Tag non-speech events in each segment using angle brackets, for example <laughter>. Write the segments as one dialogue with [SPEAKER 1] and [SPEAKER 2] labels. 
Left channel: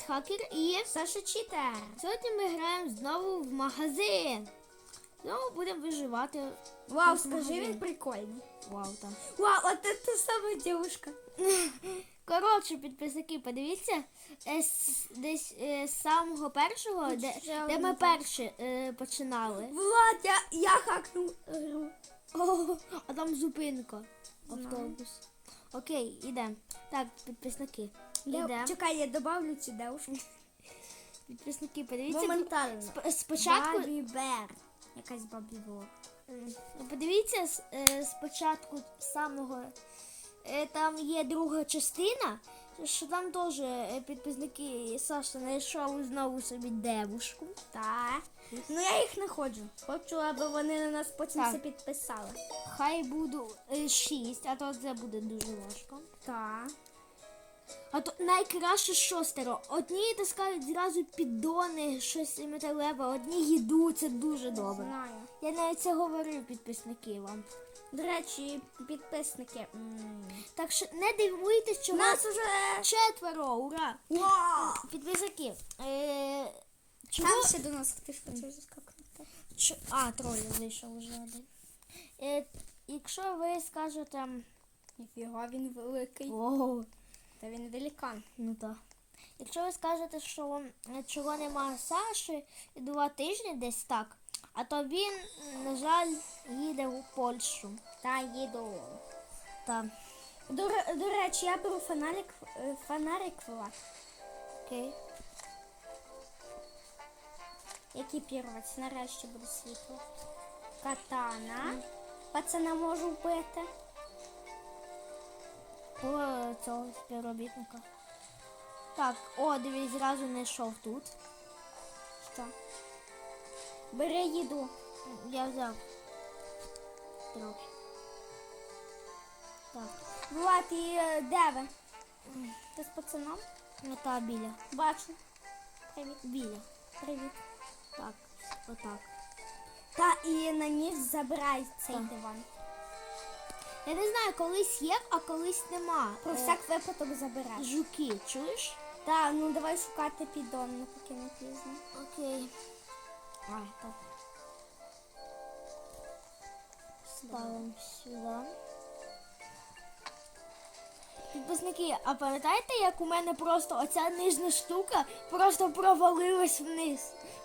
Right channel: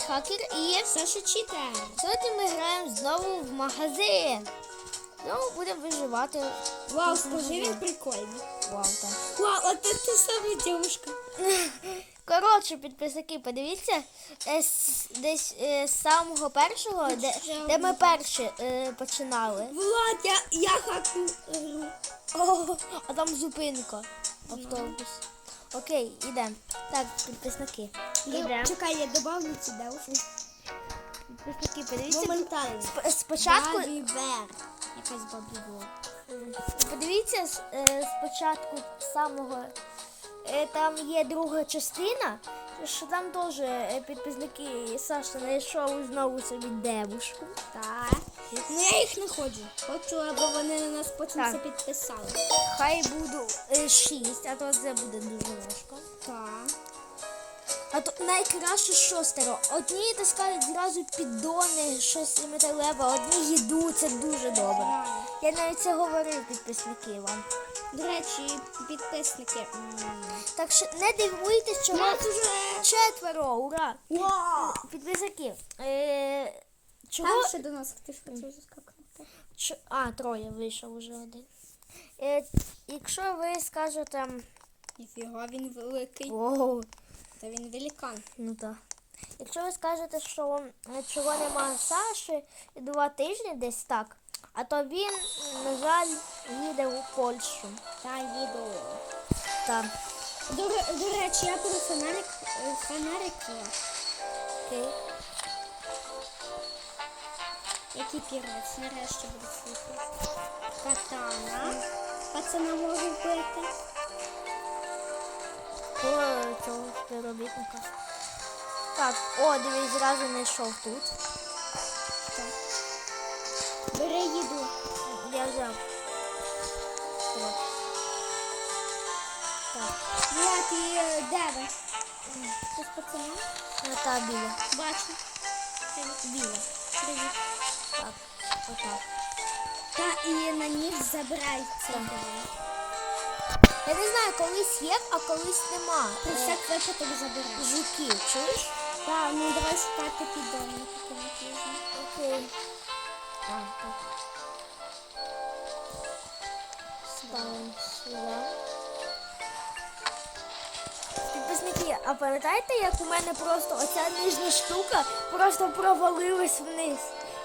[SPEAKER 1] Хакер і
[SPEAKER 2] Саша Читер.
[SPEAKER 1] сьогодні ми граємо знову в магазин. Знову будемо виживати.
[SPEAKER 2] Вау, скажи, він прикольний.
[SPEAKER 1] Вау, так.
[SPEAKER 2] Вау, а це та сама девушка. <laughs>
[SPEAKER 1] Коротше, підписники, подивіться, е, десь е, з самого першого, де, де ми перші е, починали.
[SPEAKER 2] Влад, я, я хакну гру.
[SPEAKER 1] О, а там зупинка. Автобус. Окей, йдемо. Так, підписники. Йдемо.
[SPEAKER 2] Чекай, я добавлю цю девушку.
[SPEAKER 1] Підписники, подивіться.
[SPEAKER 2] Моментально.
[SPEAKER 1] сп- Спочатку
[SPEAKER 2] Бабі Бер. Якась бабі була.
[SPEAKER 1] Подивіться з- е, спочатку самого. е, Там є друга частина, що там теж е, підписники Саша знайшов знову собі девушку.
[SPEAKER 2] Так. Ну я їх не ходжу. Хочу, аби вони на нас потім це підписали.
[SPEAKER 1] Хай буду е, шість, а то це буде дуже важко.
[SPEAKER 2] Так.
[SPEAKER 1] А то найкраще шостеро. Одні таскають зразу піддони, щось металеве, одні їду, це дуже добре. Я навіть це говорив підписники вам.
[SPEAKER 2] До речі, підписники.
[SPEAKER 1] Так що не дивуйтесь,
[SPEAKER 2] У нас уже.
[SPEAKER 1] четверо, ура! Підписники. Е, чого?
[SPEAKER 2] Там ще до нас хтось.
[SPEAKER 1] Ч... А, троє вийшов уже один. Е, якщо ви скажете.
[SPEAKER 2] Ніфіга, він великий.
[SPEAKER 1] О,
[SPEAKER 2] Та він великан.
[SPEAKER 1] ну так. Якщо ви скажете, що е, чого нема Саші і два тижні десь так, а то він, на жаль, їде у Польщу.
[SPEAKER 2] Та їду.
[SPEAKER 1] Так,
[SPEAKER 2] До, до речі, я беру фонарик, е, фонарик
[SPEAKER 1] окей.
[SPEAKER 2] Який пірець, нарешті буде світло. Катана. Пацана можу вбити.
[SPEAKER 1] По цього співробітника. Так, о, дивись, зразу знайшов тут.
[SPEAKER 2] Так. Бери їду.
[SPEAKER 1] Я взяв. Так,
[SPEAKER 2] Влад, і е, де ви? Ти з пацаном?
[SPEAKER 1] на та біля.
[SPEAKER 2] Бачу.
[SPEAKER 1] Біля.
[SPEAKER 2] Привіт.
[SPEAKER 1] Так, отак.
[SPEAKER 2] Та і на них забирай цей диван.
[SPEAKER 1] Я не знаю, колись є, а колись нема.
[SPEAKER 2] Про
[SPEAKER 1] Е,
[SPEAKER 2] всяк випадок забирай.
[SPEAKER 1] жуки, чуєш?
[SPEAKER 2] Так, ну давай шукати піддони такі напізно.
[SPEAKER 1] Окей. А, так. Ставимо сюди. Підписники, а пам'ятаєте, як у мене просто оця нижня штука просто провалилась вниз?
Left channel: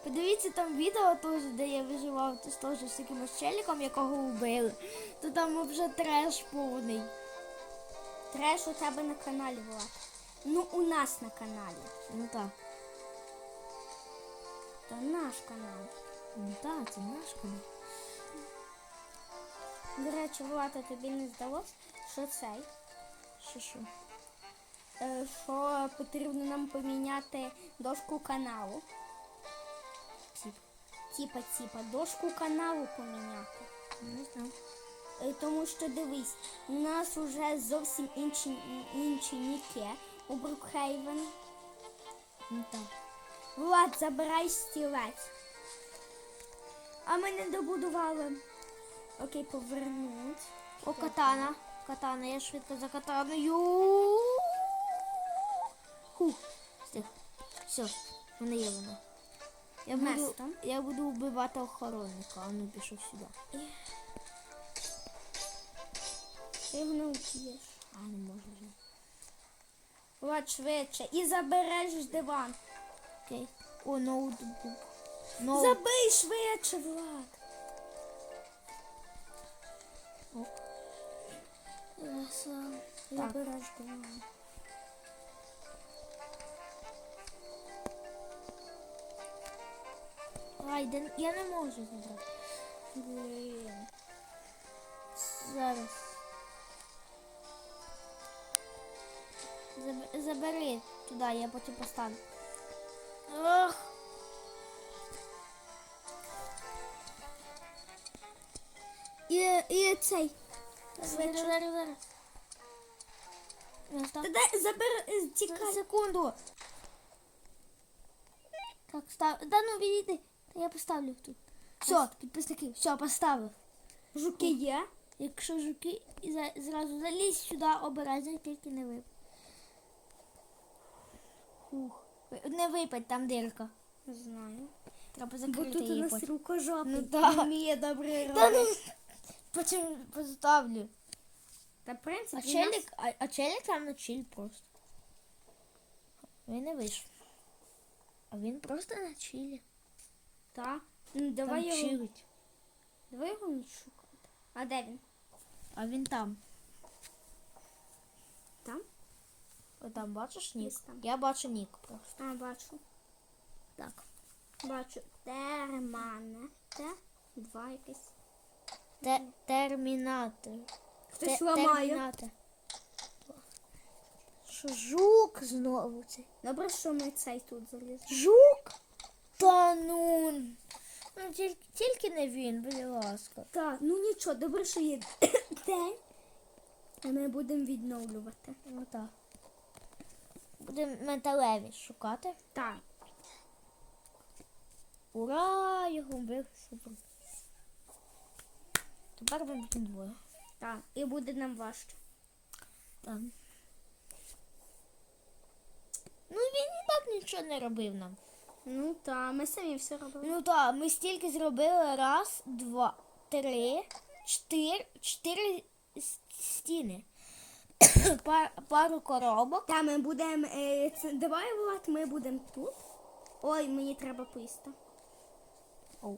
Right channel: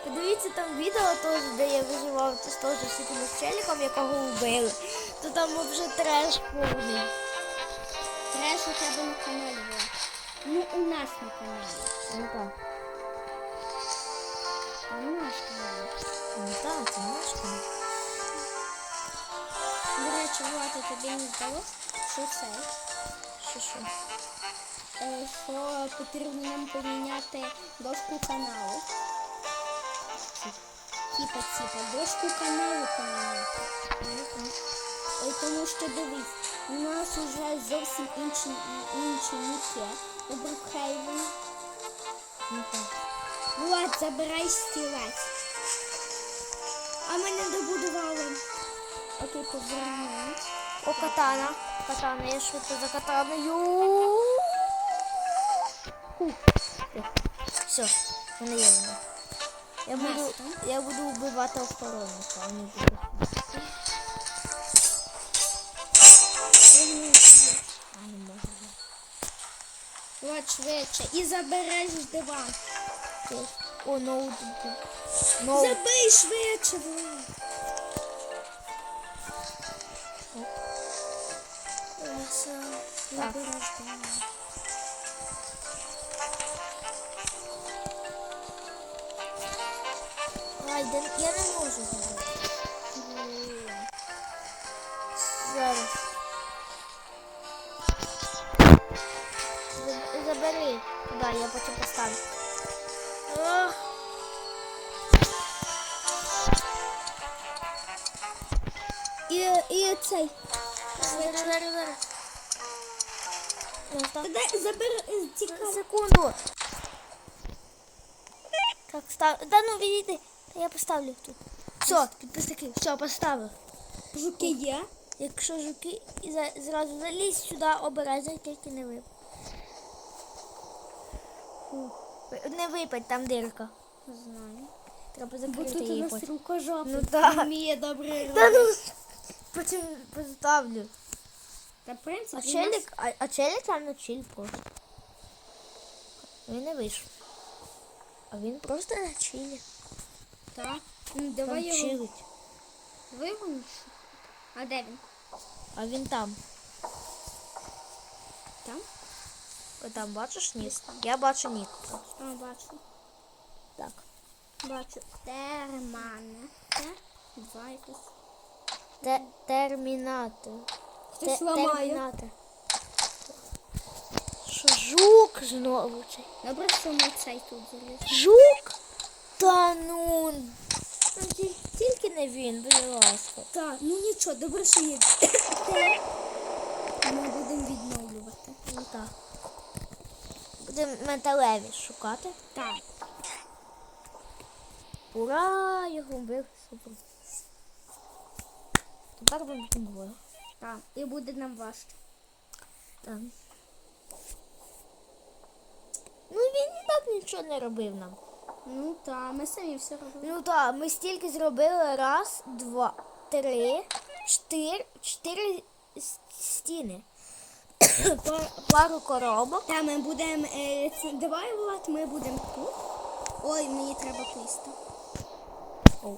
[SPEAKER 1] Подивіться там відео теж, де я виживав з теж з якимось челіком, якого вбили. То там вже треш повний.
[SPEAKER 2] Треш у тебе на каналі Влад. Ну, у нас на каналі.
[SPEAKER 1] Ну так.
[SPEAKER 2] А наш канал.
[SPEAKER 1] Ну так, це наш канал.
[SPEAKER 2] До речі, Влад, а тобі не здалося, що це?
[SPEAKER 1] Що що?
[SPEAKER 2] Е, Що потрібно нам поміняти дошку каналу. Типа, типа, дошку каналу поміняти.
[SPEAKER 1] Не знаю.
[SPEAKER 2] Е, Тому що дивись, у нас уже зовсім інші, інші ніки у Брукхейвені.
[SPEAKER 1] Ну так.
[SPEAKER 2] Влад, забирай стілець. А ми не добудували. Окей, повернуть.
[SPEAKER 1] О, катана. Катана, я швидко за катаною. Хух. Все, мене є вона. Я буду, я буду вбивати охоронника, а не буду сюди. А, не можу. вже.
[SPEAKER 2] Швидше. І забереш диван.
[SPEAKER 1] О, ноутбук. Ноут.
[SPEAKER 2] Забий швидше, Влад.
[SPEAKER 1] Так.
[SPEAKER 2] Забереш диван.
[SPEAKER 1] Ай, да, я не можу забрати. Зараз. Забери туди, я потім поставлю. Ох.
[SPEAKER 2] І, і цей.
[SPEAKER 1] Зараз, зараз,
[SPEAKER 2] забери, е, тікай.
[SPEAKER 1] Секунду. Так, став. Да ну відійди. Я поставлю тут. Все, підписники, все, поставив.
[SPEAKER 2] Жуки є.
[SPEAKER 1] Якщо жуки, і зразу залізь сюди, обережно, тільки не вип. Фух. Не випадь, там дирка.
[SPEAKER 2] Знаю.
[SPEAKER 1] Треба закрити її потім. Ну так.
[SPEAKER 2] Вміє добре
[SPEAKER 1] Та ну, потім поставлю.
[SPEAKER 2] Та в принципі.
[SPEAKER 1] А челік, а, а челік там на чиль просто. Він не вийшов. А він просто на чилі.
[SPEAKER 2] Так. Ну, давай
[SPEAKER 1] Там
[SPEAKER 2] його
[SPEAKER 1] чилить.
[SPEAKER 2] вигониш. А де він?
[SPEAKER 1] А він там.
[SPEAKER 2] Там?
[SPEAKER 1] О, там бачиш нік? Я бачу нік.
[SPEAKER 2] А, бачу.
[SPEAKER 1] Так.
[SPEAKER 2] Бачу. Термане. Те. Два якось.
[SPEAKER 1] Те, термінатор.
[SPEAKER 2] Хтось
[SPEAKER 1] Те-
[SPEAKER 2] ламає.
[SPEAKER 1] термінатор. Що жук знову цей?
[SPEAKER 2] Добре, що ми цей тут залізли.
[SPEAKER 1] Жук? Та ну. Ну, ті- тільки не він, будь ласка.
[SPEAKER 2] Так, ну нічого, добре, що є. <coughs> Ми будемо відновлювати.
[SPEAKER 1] Ну так. Будемо металеві шукати.
[SPEAKER 2] Так.
[SPEAKER 1] Ура! Його вбив. Супер. Тепер ми будемо двоє.
[SPEAKER 2] Так. І буде нам важче.
[SPEAKER 1] Так. Ну він і так нічого не робив нам.
[SPEAKER 2] Ну так, ми самі все робимо.
[SPEAKER 1] Ну так, ми стільки зробили. Раз, два, три, чотири, чотири стіни. <coughs> Пар- пару коробок.
[SPEAKER 2] Та ми будемо. Е, давай, Влад, ми будемо тут. Ой, мені треба писти.
[SPEAKER 1] Оу.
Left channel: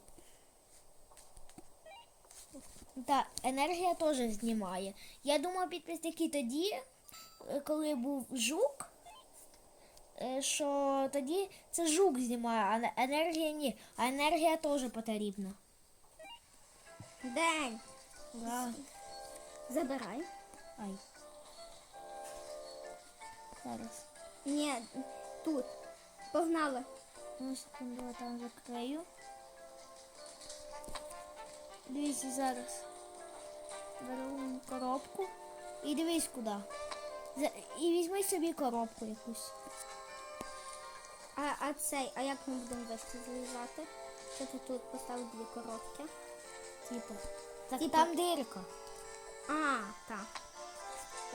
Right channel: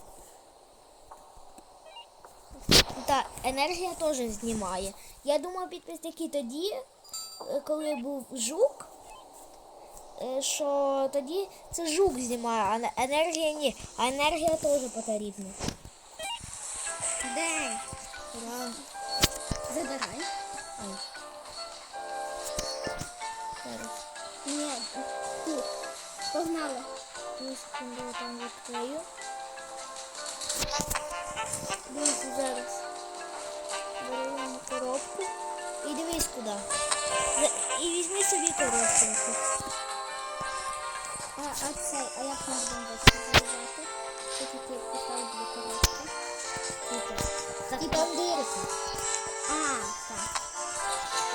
[SPEAKER 1] Та енергія теж знімає. Я думаю, підписники тоді, е, коли був жук, що тоді це жук знімає, а енергія ні. А енергія теж потрібна.
[SPEAKER 2] Де?
[SPEAKER 1] Ура.
[SPEAKER 2] Забирай.
[SPEAKER 1] Ай. Зараз.
[SPEAKER 2] Ні, тут. Погнали.
[SPEAKER 1] Ну, секунду, я там відкрию. Дивіться зараз. Беремо коробку. І дивись куди. І візьми собі коробку якусь.
[SPEAKER 2] А, а цей, а як ми будемо залізати? Що тут поставити дві коробки?
[SPEAKER 1] Типу. Так там дірка.
[SPEAKER 2] А, так.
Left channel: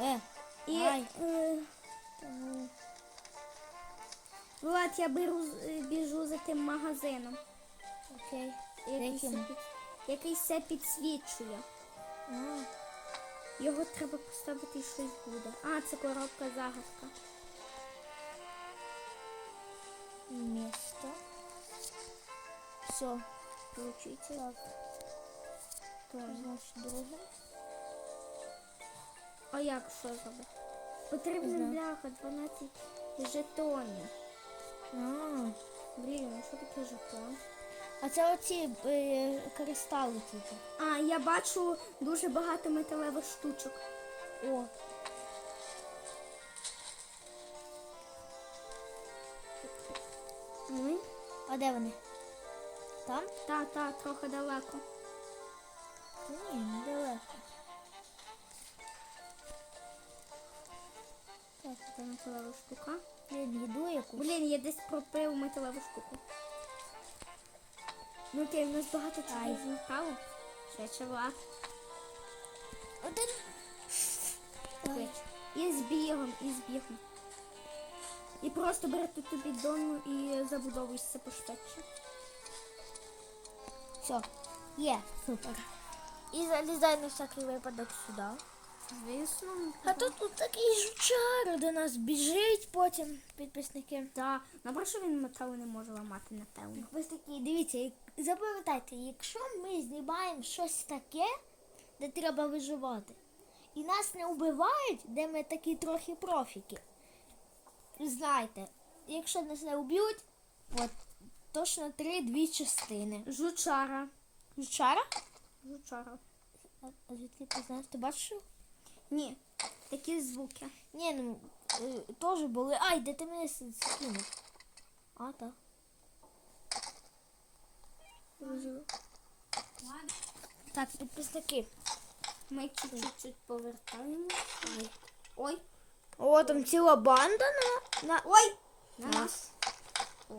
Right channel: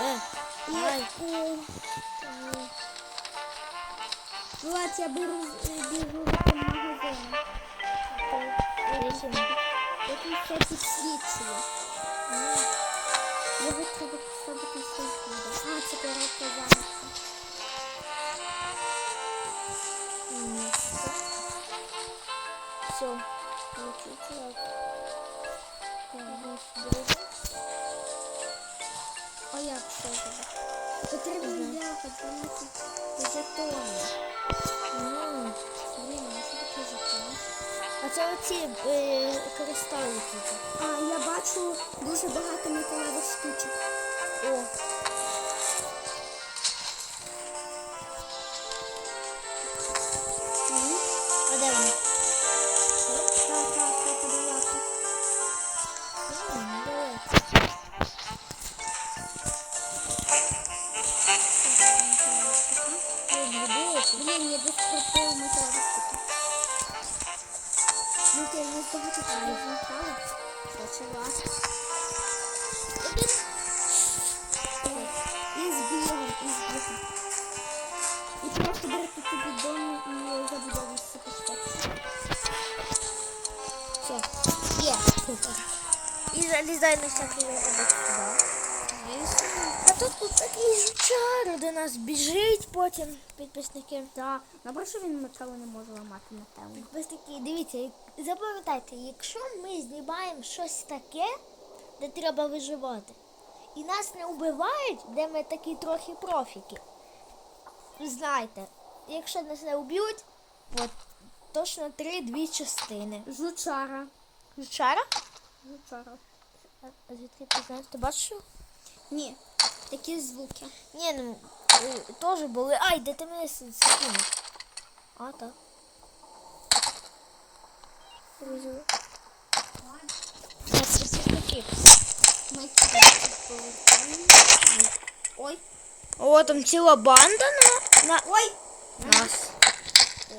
[SPEAKER 1] Е,
[SPEAKER 2] І,
[SPEAKER 1] Ай.
[SPEAKER 2] е,
[SPEAKER 1] ну,
[SPEAKER 2] Влад, я беру, е, біжу за тим магазином.
[SPEAKER 1] Яким?
[SPEAKER 2] Якийсь це підсвічує. Його треба поставити щось буде. А, це коробка загадка.
[SPEAKER 1] Місце. Все. Ось друге.
[SPEAKER 2] А як що тебе? Потрібно бляха 12 жетонів.
[SPEAKER 1] А,
[SPEAKER 2] Блін, а що таке жетон?
[SPEAKER 1] а це оці е, кристали типу.
[SPEAKER 2] А, я бачу дуже багато металевих штучок.
[SPEAKER 1] О.
[SPEAKER 2] Блін, я десь припив металевих штучок. Ну, ти не багато чого змотала. Почала.
[SPEAKER 1] Один.
[SPEAKER 2] І з бігом, і з бігом. І просто берете ту бідону і забудовуєшся по степці.
[SPEAKER 1] Все. Є. Супер. І залізай на всякий випадок сюди. А тут тут такий жучар до нас біжить потім підписники.
[SPEAKER 2] Так, добре, що він металу не може ламати напевно.
[SPEAKER 1] Підписники, дивіться, запам'ятайте, якщо ми знімаємо щось таке, де треба виживати, і нас не вбивають, де ми такі трохи профіки. Знайте, якщо нас не вб'ють, от точно три-дві частини.
[SPEAKER 2] Жучара.
[SPEAKER 1] Жучара?
[SPEAKER 2] Жучара.
[SPEAKER 1] А а звідки ти знаєш? Ти бачиш? його?
[SPEAKER 2] Ні, такі звуки.
[SPEAKER 1] Ні, ну е, теж були. Ай, де ти мене с- скинув? А, так. Розумію. Так, це такі.
[SPEAKER 2] Ми кудись повертаємо. Ой,
[SPEAKER 1] О, там ціла банда на, на
[SPEAKER 2] ой,
[SPEAKER 1] нас.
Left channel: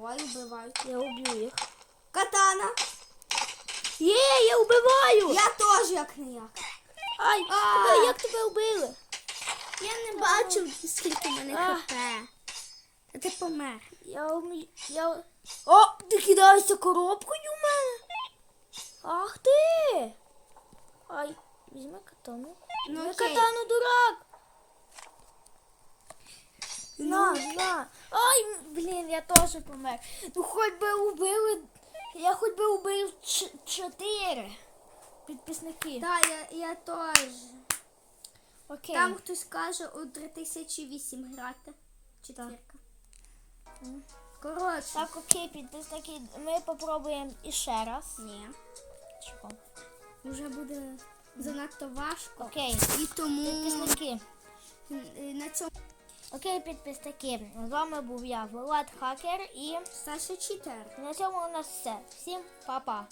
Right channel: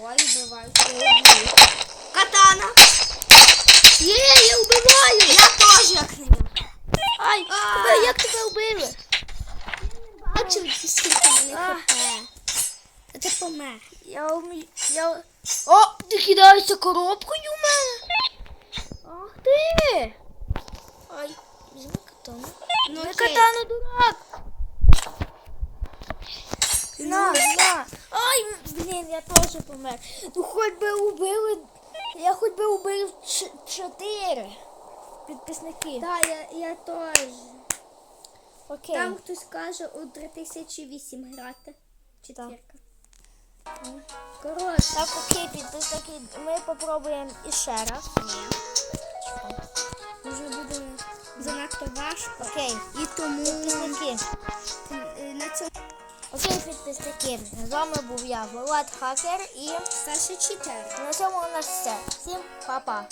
[SPEAKER 2] ой, вбивай.
[SPEAKER 1] Я вб'ю. Ай, тебе, як тебе вбили?
[SPEAKER 2] Я не бачив, скільки мене хп. А ти помер.
[SPEAKER 1] Я вмію. Я... О, ти кидаєшся коробкою в мене? Ах ти! Ай, візьми катану.
[SPEAKER 2] Ну,
[SPEAKER 1] Не катану, дурак! На, на. Ай, блін, я теж помер. Ну хоч би убили. Я хоч би убив чотири підписники.
[SPEAKER 2] Так, я, я теж.
[SPEAKER 1] Окей.
[SPEAKER 2] Там хтось каже у 3008 грати. Четвірка. Коротше.
[SPEAKER 1] Так, окей, підписники. Ми попробуємо іще раз.
[SPEAKER 2] Ні. Вже буде занадто важко.
[SPEAKER 1] Окей.
[SPEAKER 2] І тому
[SPEAKER 1] Підписники.
[SPEAKER 2] е, на цьому
[SPEAKER 1] Окей, підписники. З вами був я, Влад Хакер, і
[SPEAKER 2] Саша читер.
[SPEAKER 1] на цьому у нас все. Всім па-па.